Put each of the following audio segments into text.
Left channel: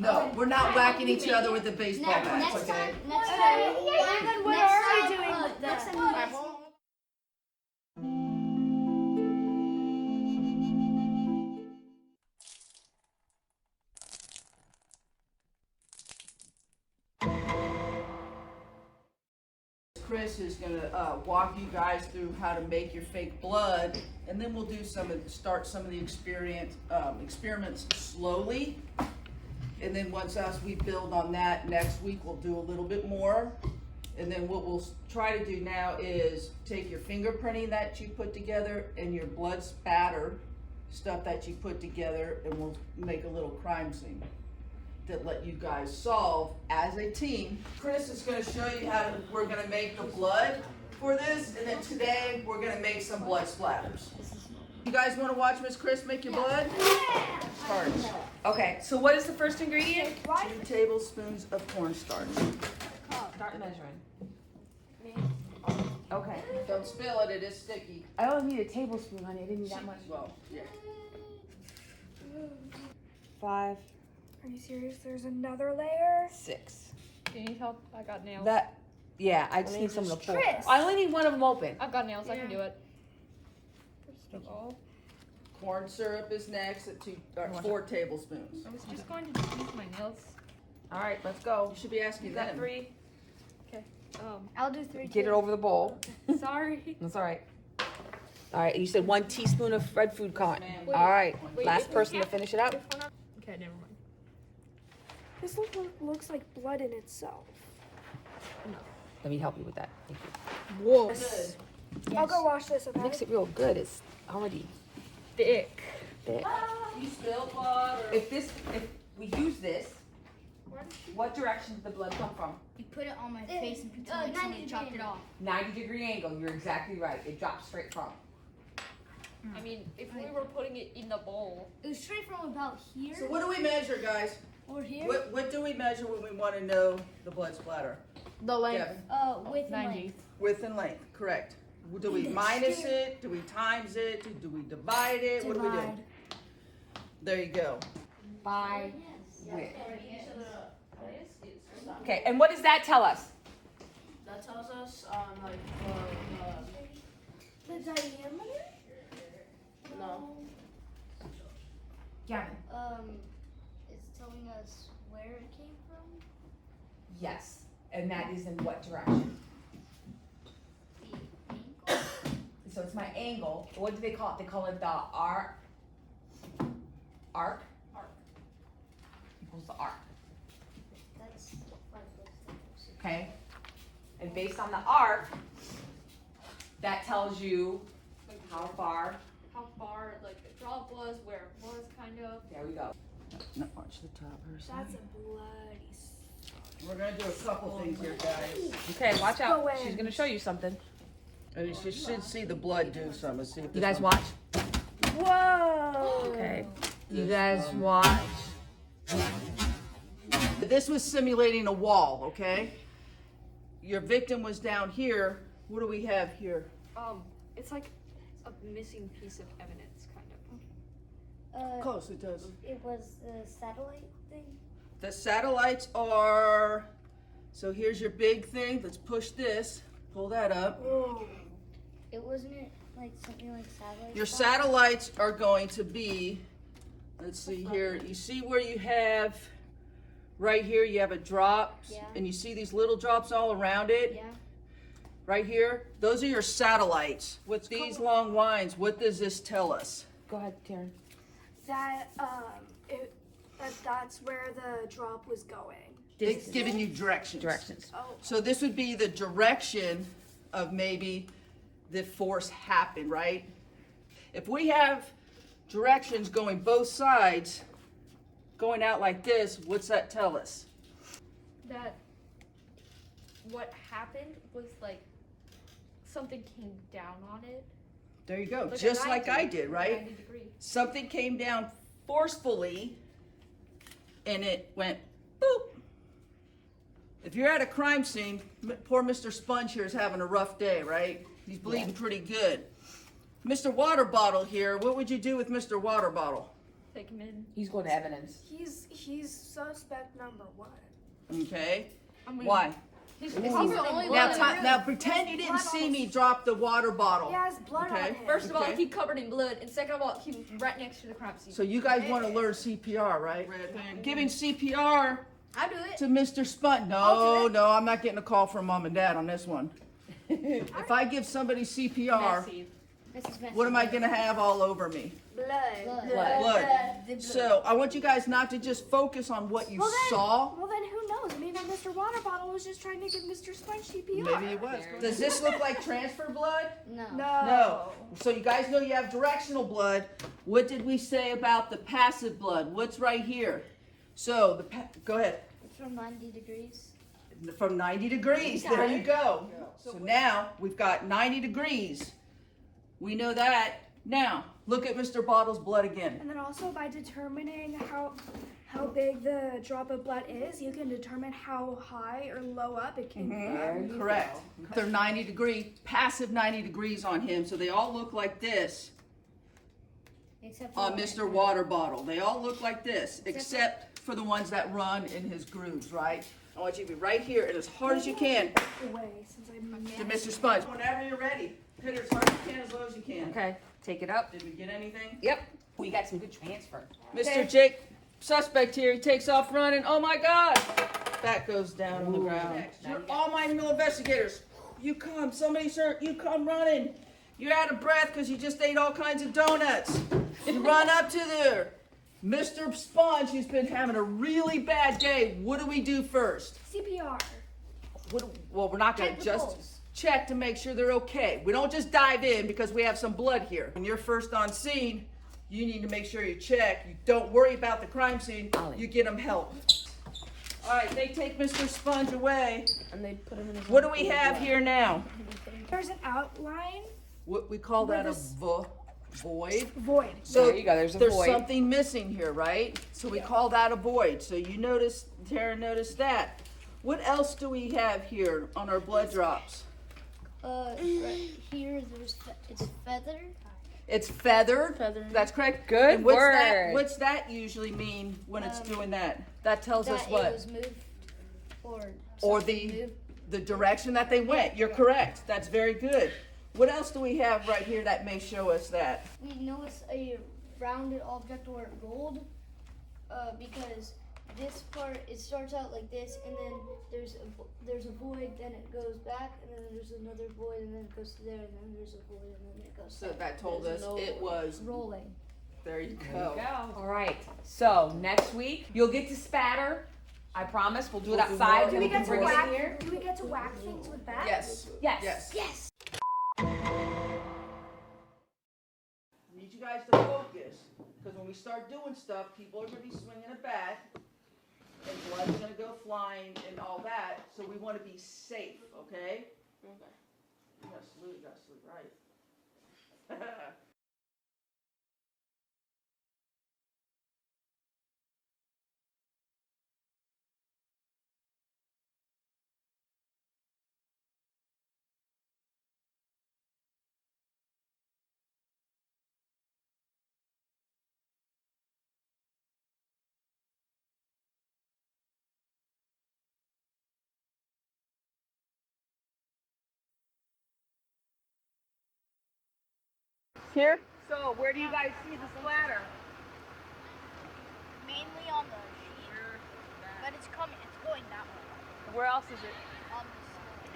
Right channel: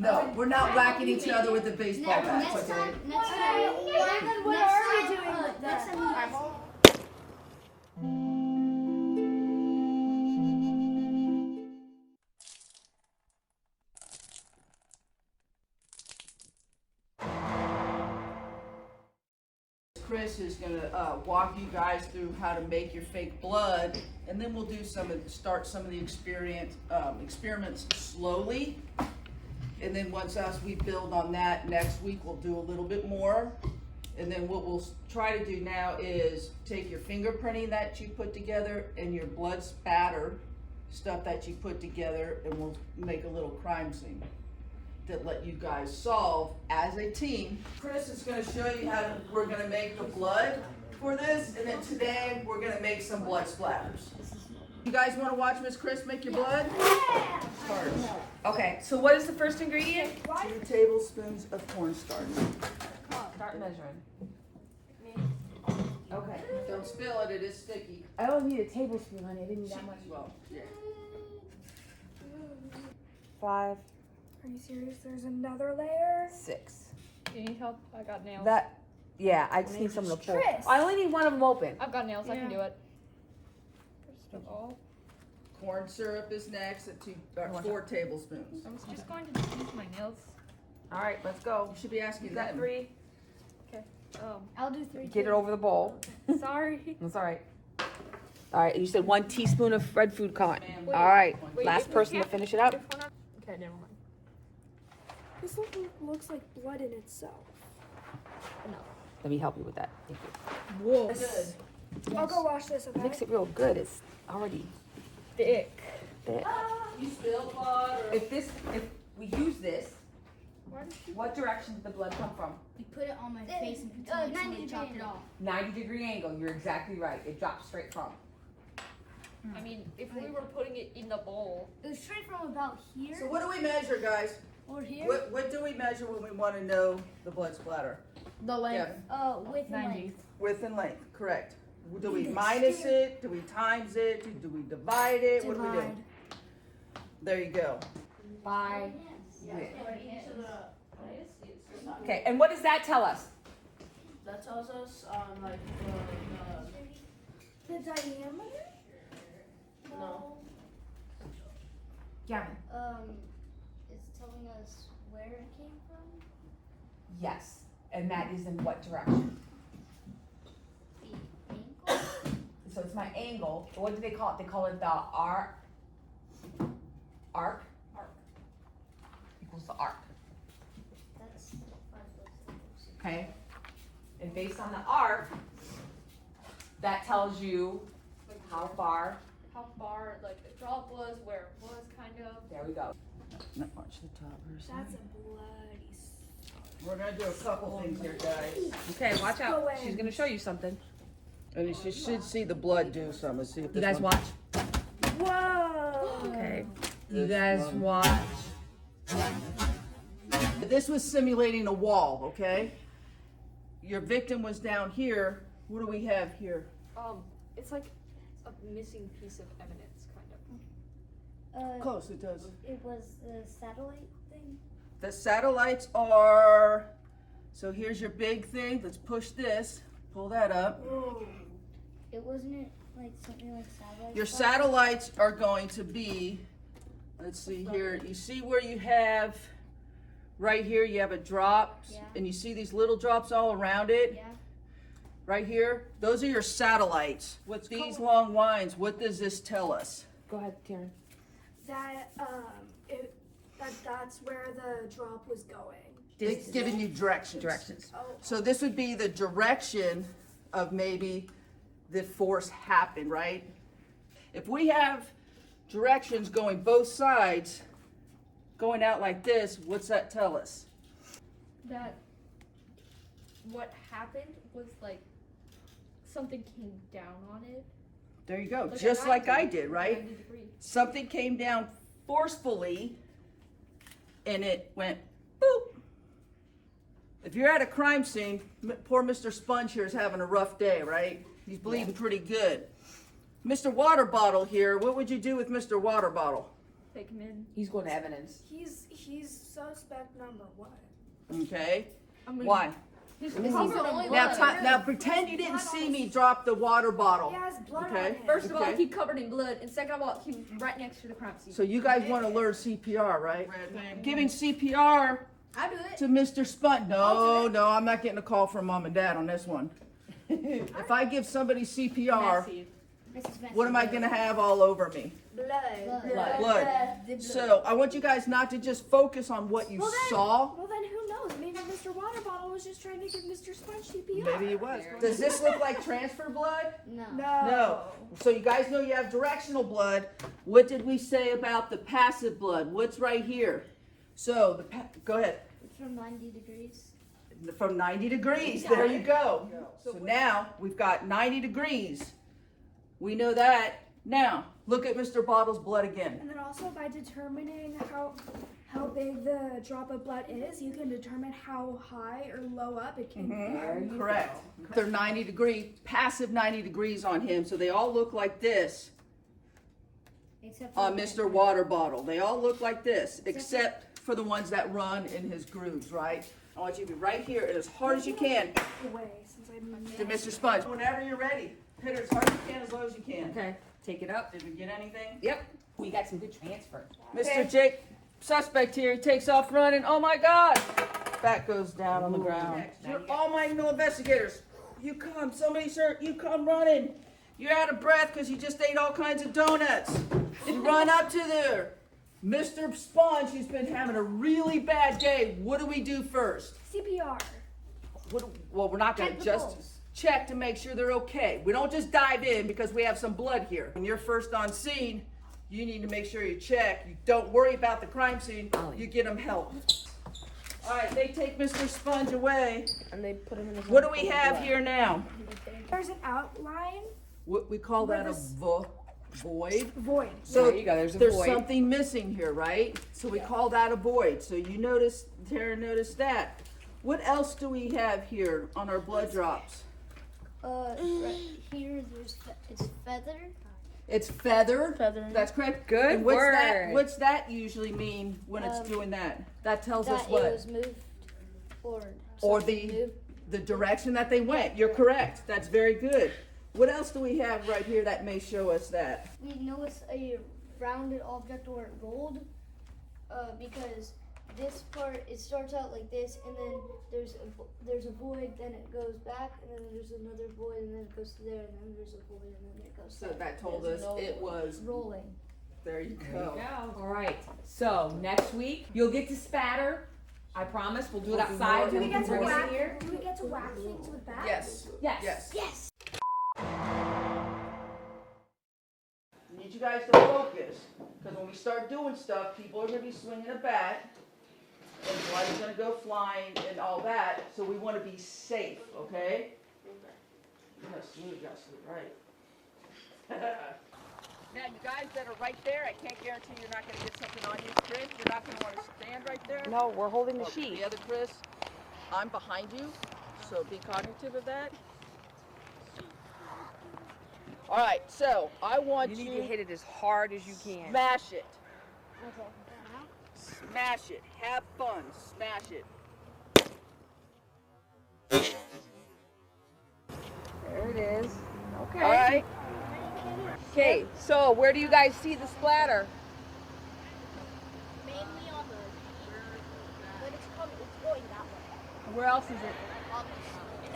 No, we're not whacking each other with the baseball bats, okay? Next time. What are you doing? Next time. Chris is gonna walk you guys through how to make your fake blood, and then we'll do start some of the experiments slowly. And then once we build on that, next week we'll do a little bit more. And then what we'll try to do now is take your fingerprinting that you put together and your blood spatter stuff that you put together, and we'll make a little crime scene that let you guys solve as a team. Chris is going to show you how we're going to make the blood for this, and then today we're going to make some blood splatters. You guys want to watch Miss Chris make your blood? Yeah. Okay, so what is the first ingredient? 2 tablespoons of cornstarch. Start measuring. Okay. Don't spill it, it is sticky. I only need a tablespoon, honey. I didn't need that much. Well, yeah. 5, Are you serious? There's another layer? 6. Do you need help? I got nails. Yeah, I just need someone to pull. Tris. I only need one of them open. I've got nails. I can do it. First of all, Corn syrup is next at 4 tablespoons. I was just going to use my nails. All right, let's go. You should be asking You got them. 3. I'll do 3. Get it over the bowl. Sorry. That's all right. All right, you said 1 teaspoon of red food coloring. Wait, All right, wait, last if we person to can't- finish it up. if we're not- Okay, never mind. This looks like blood in itself. Let me help you with that. Whoa. Good. I'll go wash this. Okay? Mix it real good. It's already Thick. thick. You spilled blood or... If we use this, what direction did the blood come from? You put it on my face and pretend like somebody chopped it off. 90-degree angle. You're exactly right. It drops straight from. I mean, if we were putting it in the bowl. It was straight from about here So what do we measure, guys? or here. What do we measure when we want to know the blood splatter? The length. Width and length. Width and length, correct. Do we minus it? Do we times it? Do we divide it? What do we do? Divide. There you go. By width. Okay, and what does that tell us? That tells us The diameter? no. Gavin. It's telling us where it came from. Yes. And that is in what direction? The ankle. So it's my angle. What do they call it? They call it the arc. Arc? Arc. Equals the arc. That's one of those things. Okay? And based on the arc, that tells you how far. How far, like, the drop was, where it was, kind of. There we go. No, watch the top first. That's a bloody. We're gonna do a couple things here, guys. Okay, watch Go out. in. She's gonna show you something. And you should see the blood do something. Let's see if You this guys one- watch. Whoa! Okay. You guys watch. This was simulating a wall, okay? Your victim was down here. What do we have here? It's like a missing piece of evidence, kind of. Close, it does. It was the satellite thing. The satellites are, so here's your big thing. Let's push this, pull that up. It wasn't like something like satellite. Your satellites are going to be, let's see here, you see where you have, right here you have a drop, Yeah. and you see these little drops all around it? Yeah. Right here, those are your satellites. What's these long lines, what does this tell us? Go ahead, Karen. That's where the drop was going. It's giving you directions. Directions. Oh. So this would be the direction of maybe the force happened, right? If we have directions going both sides, going out like this, what's that tell us? That what happened was like something came down on it. There you go, Like a just like 90 I did, right? 90 degree. Something came down forcefully and it went boop. If you're at a crime scene, poor Mr. Sponge here is having a rough day, right? He's bleeding pretty good. Mr. Water Bottle here, what would you do with Mr. Water Bottle? take him in. He's going to evidence. He's suspect number 1. Okay, I mean, why? He's Because covered he's the in only blood. Now pretend you didn't see me drop the water bottle. He has blood on Okay. him. First of all, Okay. he covered in blood, and second of all, he's right next to the crime scene. So you guys want to learn CPR, right? Giving CPR I do it. to Mr. Spunt. No, I'm not getting a call from mom and dad on this one. If I give somebody CPR, Messy. This is messy. what am I gonna have all over me? Blood. Blood. So I want you guys not to just focus on what you saw. Well, then who knows? Maybe Mr. Water Bottle was just trying to give Mr. Sponge CPR. Maybe it was. Does this look like transfer blood? No. No. So you guys know you have directional blood. What did we say about the passive blood? What's right here? So go ahead. From 90 degrees. From 90 degrees. There you go. So now we've got 90 degrees. We know that. Now look at Mr. Bottle's blood again. And then also by determining how big the drop of blood is, you can determine how high or low up it can be. Correct. They're 90 degree, passive 90 degrees on him. So they all look like this Except for on the Mr. Water Bottle. They all look like this, except for the ones that run in his grooves, right? I want you to be right here and as hard as you can Away, since I'm to Mr. Sponge. Whenever you're ready, hit it as hard as you can, as low as you can. Okay, take it up. Did we get anything? Yep. We got some good transfer. Mr. Jake, suspect here, he takes off running. Oh my God! That goes down on the ground. You're all my new investigators. You come, somebody's hurt, you come running. You're out of breath because you just ate all kinds of donuts. You run up to there. Mr. Sponge, who's been having a really bad day, what do we do first? CPR. Well, we're not going to just check to make sure they're okay. We don't just dive in because we have some blood here. When you're first on scene, you need to make sure you check. You don't worry about the crime scene. You get them help. All right, they take Mr. Sponge away. And they put him in What do we have here now? There's an outline. What we call that a void. Void. So There you go, there's a void. something missing here, right? So we call that a void. So you notice, Tara noticed that. What else do we have here on our blood drops? right here, it's feather. It's feathered. Feather. That's correct. Good And what's word. that? What's that usually mean when it's doing that? That tells us That what? it was moved Or something the moved. the direction that they went. You're correct. That's very good. What else do we have right here that may show us that? We know it's a rounded object or gold, because this part, it starts out like this, and then there's a void, then it goes back, and then there's another void, and then it goes to there, and then there's a void, and then it goes So back. that told us There's no it was. rolling. There you There go. you go. All right. So next week you'll get to spatter. I promise. We'll do it outside. Do we and get to bring it whack? in here. Do we get to whack things with that? Yes. Yes. Yes. Yes. Need you guys to focus, because when we start doing stuff, people are going to be swinging a bat, and blood's going to go flying and all that. So we want to be safe, okay? You gotta salute, right? Now, you guys that are right there, I can't guarantee you're not going to get something on you. Chris, you're not going to want to stand right there. No, we're holding the Okay, sheet. the other Chris, I'm behind you, so be cognitive of that. All right, so I want You you need to hit it as hard as you can. smash it. Okay. Smash it. Have fun. Smash it. There it is. Okay. All right. Okay. So where do you guys see the splatter? Mainly on the but it's going that way. Where else is it?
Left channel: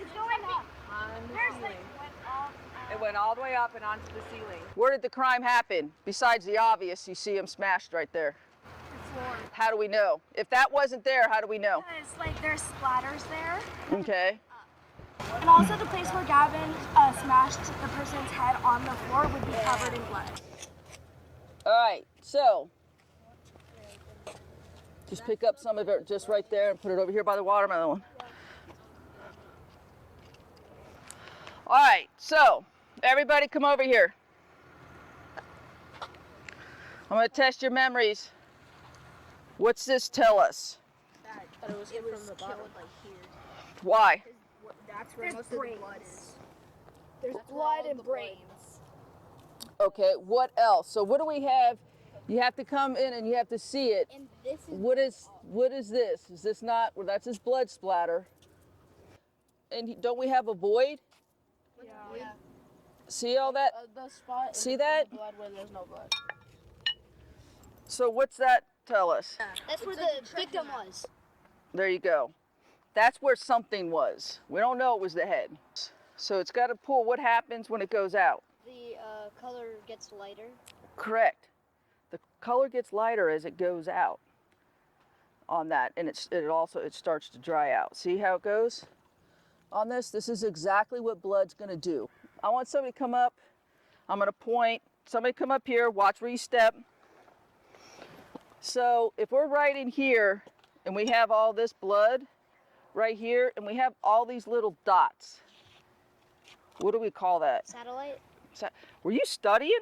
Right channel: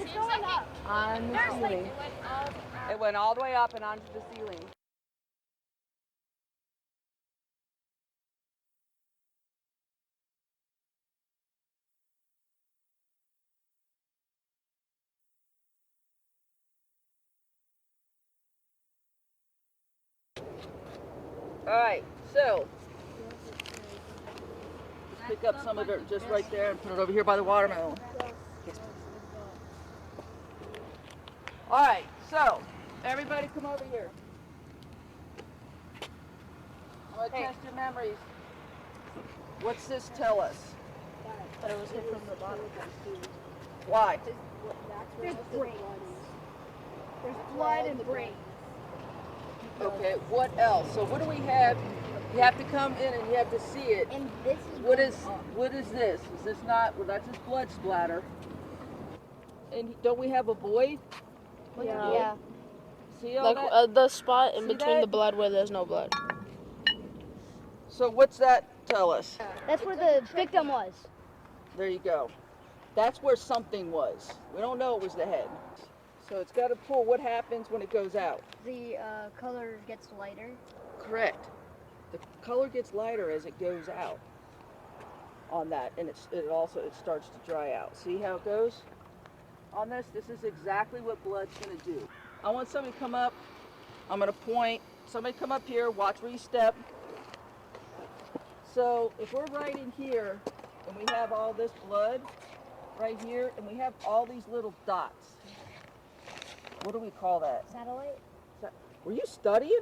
It's going up. On the ceiling. It went all the way up and onto the ceiling. Where did the crime happen? Besides the obvious, you see him smashed right there. How do we know? If that wasn't there, how do we know? Because like there's splatters there, Okay. and also the place where Gavin smashed the person's head on the floor would be covered in blood. All right. So just pick up some of it just right there and put it over here by the watermelon. All right. So everybody come over here. I'm going to test your memories. What's this tell us? Why? There's brains. There's blood and brains. Okay, what else? So what do we have You have to come in and you have to see it. And this is What is this? Is this not? Well, that's his blood splatter. And don't we have a void? Yeah. See all Like that? the spot in See between that? the blood where there's no blood. So what's that tell us? That's where the victim was. There you go. That's where something was. We don't know it was the head. So it's got to pull. What happens when it goes out? The color gets lighter. Correct. The color gets lighter as it goes out on that, and it starts to dry out. See how it goes? On this, this is exactly what blood's gonna do. I want somebody to come up. I'm gonna point. Somebody come up here. Watch where you step. So if we're right in here, and we have all this blood right here, and we have all these little dots. What do we call that? Satellite. Were you studying?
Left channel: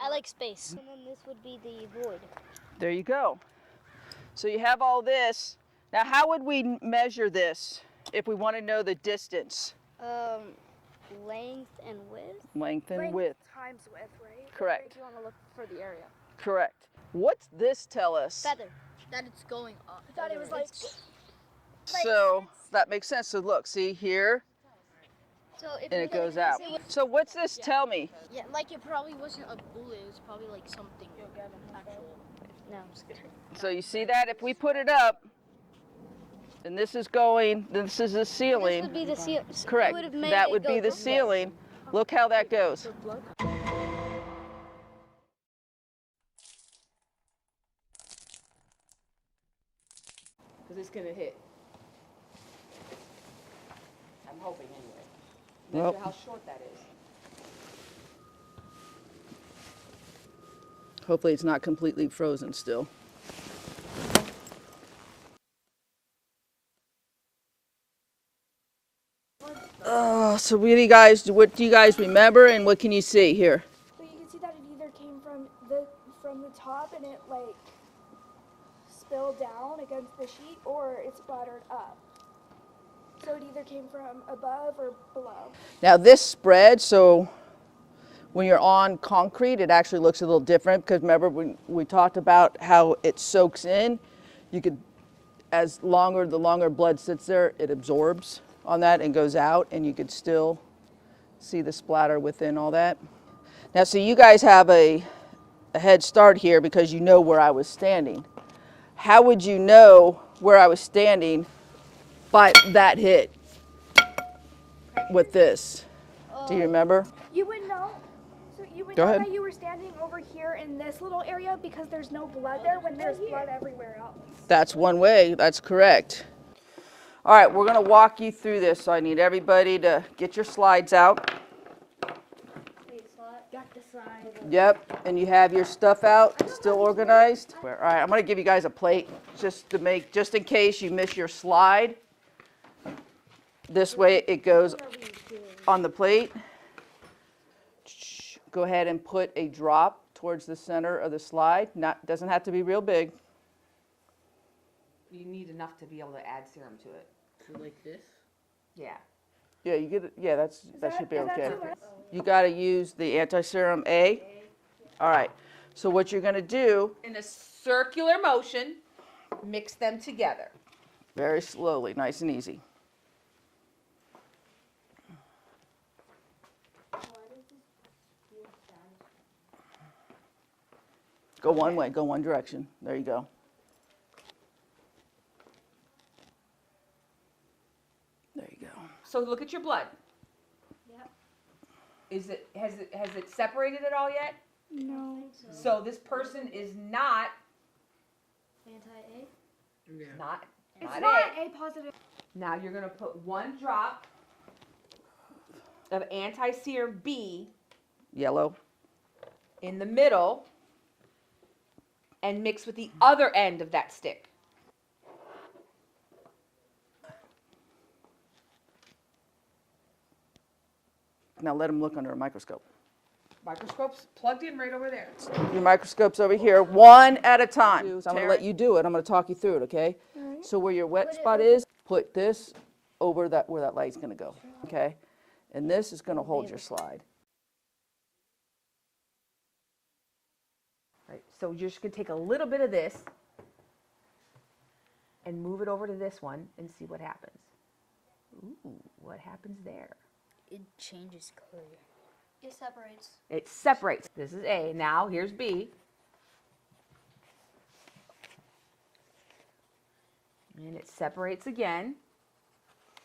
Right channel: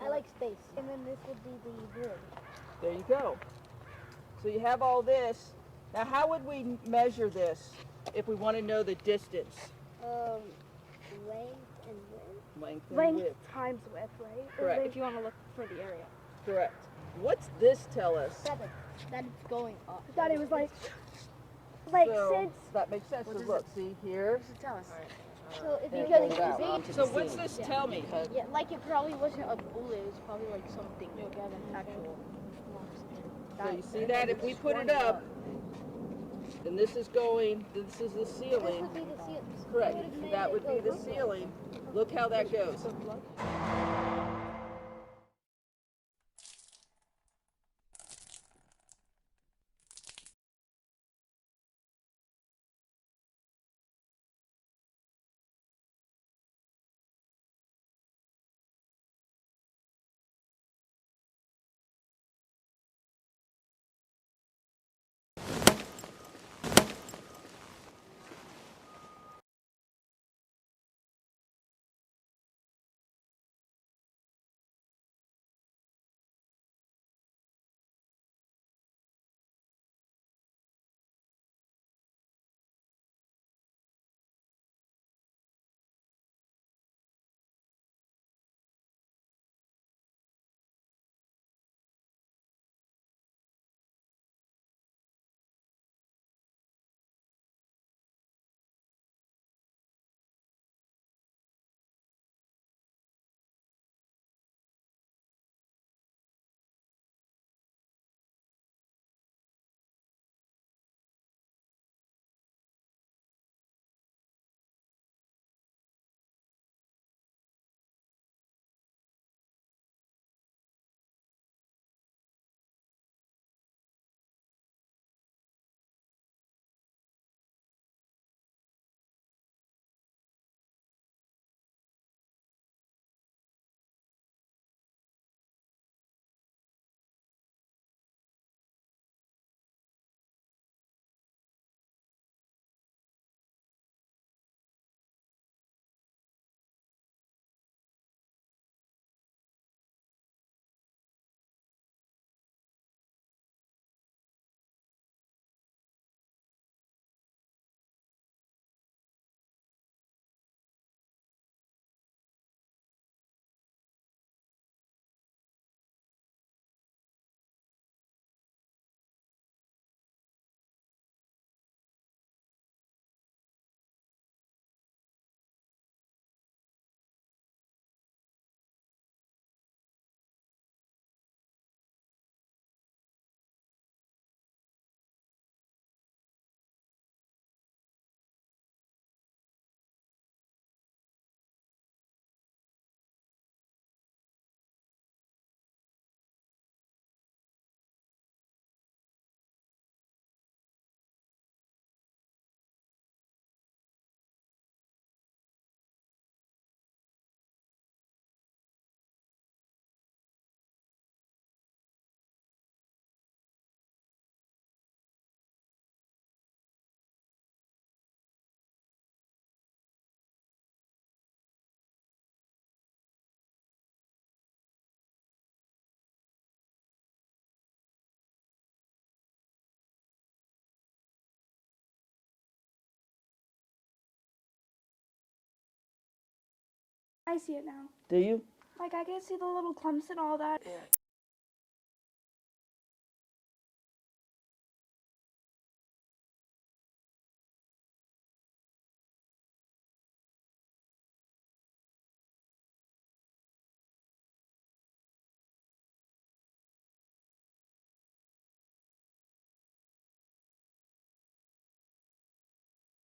I like space. And then this would be the void. There you go. So you have all this. Now, how would we measure this if we want to know the distance? Length and width. Length and width. times width, right? Correct. If you want to look for the area. Correct. What's this tell us? That it's going up. I thought it was like So that makes sense. So look, see here, So if and it you goes out. So what's this tell me? Yeah, like it probably wasn't a bullet. It was probably like something actual. No, I'm scared. So you see that? If we put it up, and this is going, this is the This ceiling. would be the ceiling. Correct. That would be the ceiling. Look how that goes. Because it's gonna hit. I'm hoping anyway. Well. Measure how short that is. Hopefully it's not completely frozen still. So what do you guys remember, and what can you see here? But you can see that it either came from the top and it like spilled down against the sheet, or it splattered up. So it either came from above or below. Now this spread, so when you're on concrete, it actually looks a little different, because remember we talked about how it soaks in. You could, the longer blood sits there, it absorbs on that and goes out, and you could still see the splatter within all that. Now, so you guys have a head start here because you know where I was standing. How would you know where I was standing by that hit with this? Do you remember? You would know. So you would Go know ahead. that you were standing over here in this little area because there's no blood there when there's blood everywhere else. That's one way, that's correct. All right, we're gonna walk you through this, so I need everybody to get your slides out. Got the side. Yep, and you have your stuff out, still organized. All right, I'm gonna give you guys a plate just in case you miss your slide. This way it goes on the plate. Go ahead and put a drop towards the center of the slide. Doesn't have to be real big. You need enough to be able to add serum to it. So like this? Yeah. Yeah, you get it. Yeah, that should be Is that okay. too much? You got to use the anti-serum A. All right. So what you're going to do, In a circular motion, mix them together. very slowly, nice and easy. Go one way, go one direction. There you go. There you go. So look at your blood. Yep. Has it separated at all yet? No. So this person is not Anti-A. not It's not not A. A positive. Now you're gonna put one drop of anti-serum B Yellow. in the middle and mix with the other end of that stick. Now let them look under a microscope. Microscope's plugged in right over there. Your microscope's over here, one at a time. So I'm gonna let you do it. I'm gonna talk you through it, okay? So where your wet spot is, put this over that where that light's gonna go, okay? And this is gonna hold your slide. I see it now. Do you? Like I can see the little clumps and all that. Right. So you're just gonna take a little bit of this and move it over to this one and see what happens. Ooh, what happens there? It changes color. It separates. It separates. This is A. Now here's B. And it separates again.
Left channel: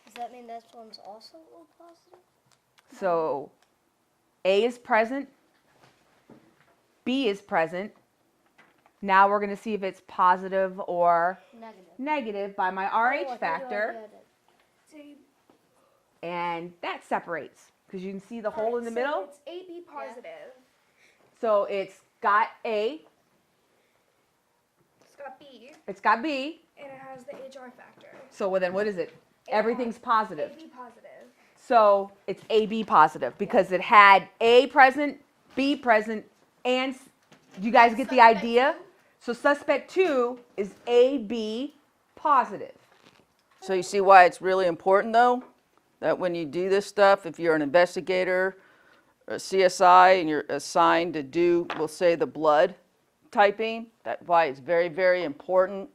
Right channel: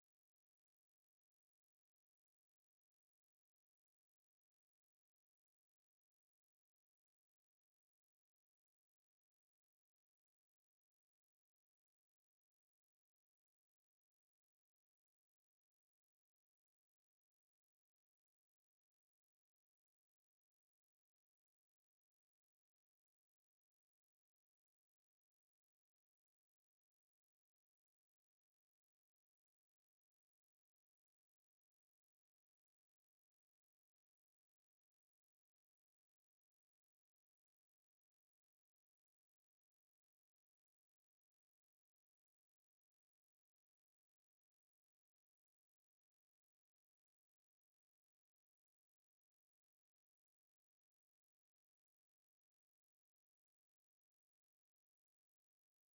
Does that mean that one's also O positive? So A is present. B is present. Now we're going to see if it's positive or Negative. negative by my Oh, I RH thought you factor. already had it. See, And that separates because you can see the hole in the middle. It's AB positive. So it's got A, It's got B, it's got B. and it has the HR factor. So well, then what is it? Everything's positive. AB positive. So it's AB positive because it had A present, B present, and you guys get the idea? So suspect 2 is AB positive. So you see why it's really important though, that when you do this stuff, if you're an investigator, or a CSI, and you're assigned to do, we'll say the blood typing, that's why it's very, very important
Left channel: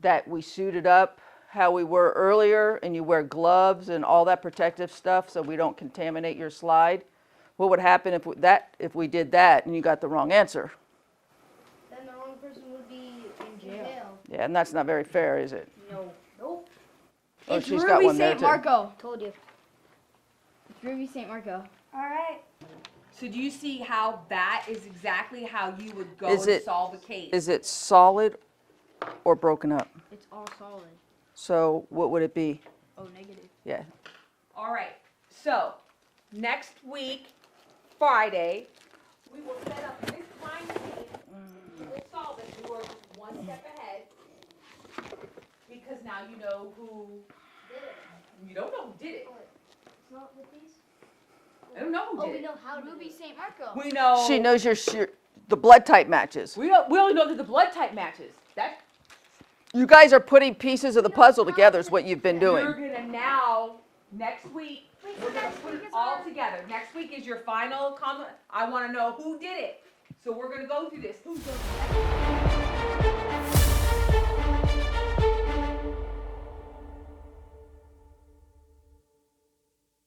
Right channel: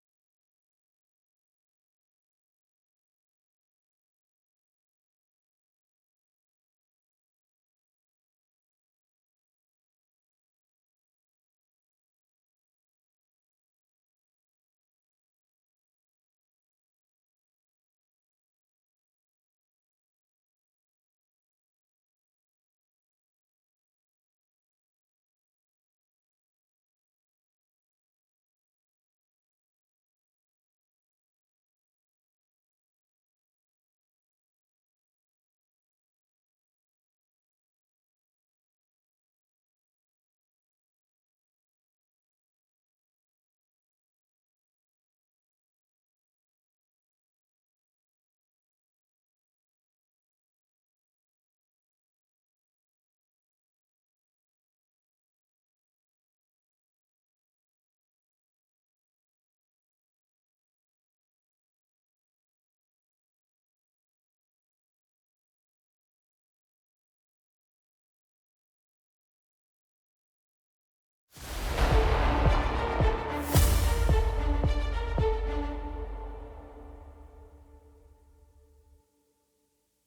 that we suit it up how we were earlier, and you wear gloves and all that protective stuff so we don't contaminate your slide. What would happen if we did that and you got the wrong answer? Then the wrong person would be in jail. Yeah, and that's not very fair, is it? No. Nope. Oh, It's she's got Ruby one there St. too. Marco. Told you. It's Ruby St. Marco. All right. So do you see how that is exactly how you would go Is to it- solve a case? Is it solid or broken up? It's all solid. So what would it be? Oh, negative. Yeah. All right. So next week, Friday, we will set up this crime scene. We'll solve it. You are just one step ahead because now you know who Did it. You don't know who did it. It's not with these? I don't know who Oh, did we it. know how to Ruby do it. St. Marco. We know. She knows the blood type matches. We only know that the blood type matches. That You guys are putting pieces of the puzzle together is what you've been doing. you're gonna now next week. We're gonna put it all together. Next week is your final comment. I want to know who did it. So we're gonna go through this. Who did it?